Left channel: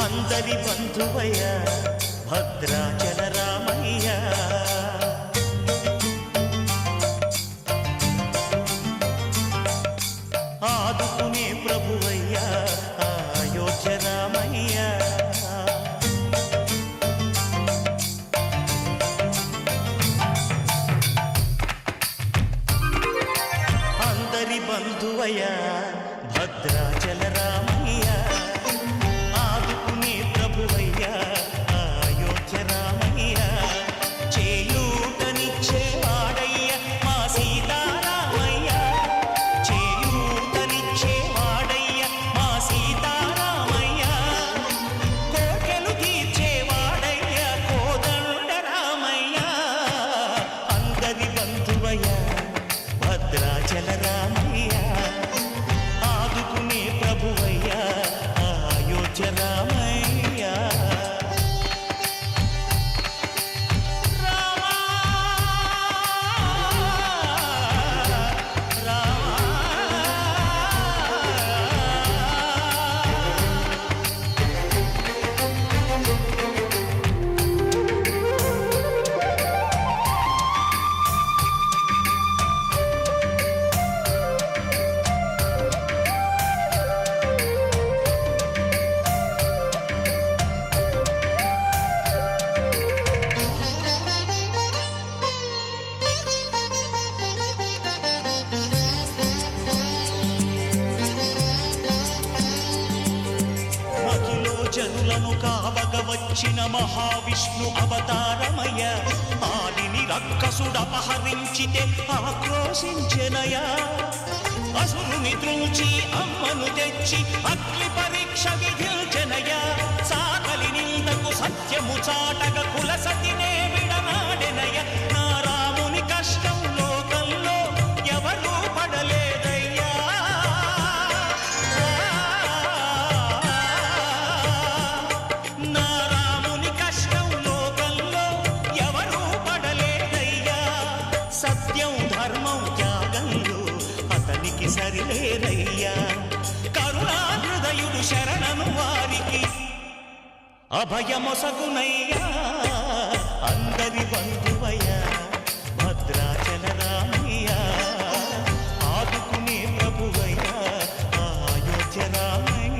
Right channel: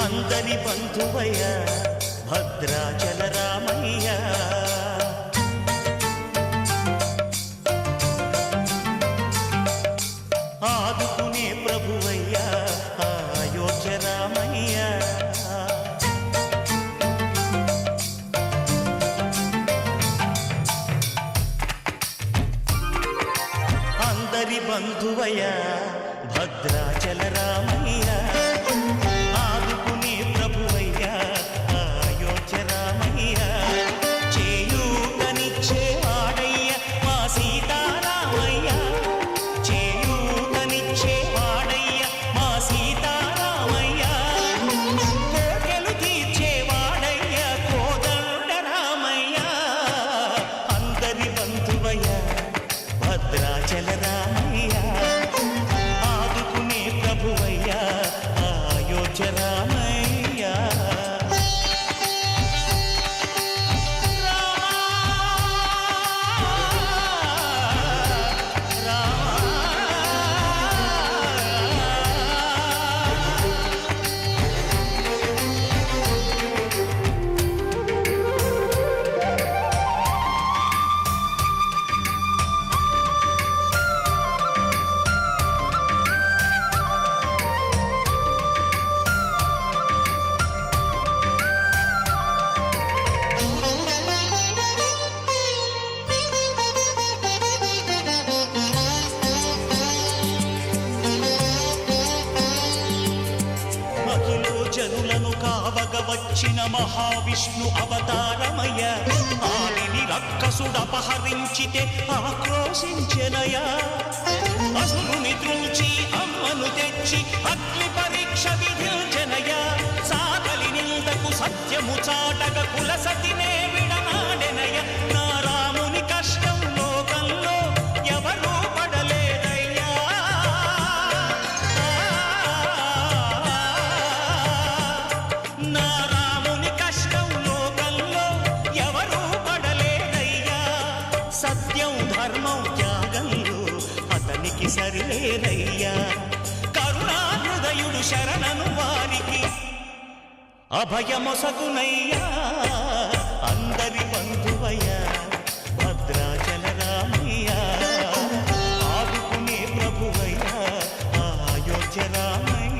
అందరి బంధువయ్య భద్రాచల రామయ్య, ఆదుకునే ప్రభువయ్య అయోధ్య రామయ్య. అందరి బంధువయ్య భద్రాచల రామయ్య, ఆదుకునే ప్రభువయ్య అయోధ్య రామయ్య. చేయూతనిచ్చేవాడయ్య మా సీతారామయ్య, చేయూతనిచ్చేవాడయ్య మా సీతారామయ్య. కోర్కెలు తీర్చేవాడయ్య కోదండ రామయ్య. అందరి బంధువయ్య భద్రాచల రామయ్య, ఆదుకునే ప్రభువయ్య అయోధ్య రామయ్య. జనులను కావగ వచ్చిన మహావిష్ణు అవతారమయ్య, ఆలిని రక్కసుడపహరించితే ఆక్రోశించెనయా. అసురుని త్రుల్చి అమ్మను తెచ్చి అగ్ని పరీక్ష విధించెనయా. సాకలి నిందకు సత్యము చాటగ కులసతినే విడనాడెనయ. నా రాముని కష్టం లోకంలో ఎవరూ పడలేదయ్యా. సత్యం ధర్మం త్యాగంలో అతనికి సరిలేరయ్యా. కరుణా హృదయుడు శరణను వారికి అభయమొసగునయ్యా. అందరి బంధువయ్య భద్రాచల రామయ్య, ఆదుకునే ప్రభువయ్య అయోధ్య రామయ్య.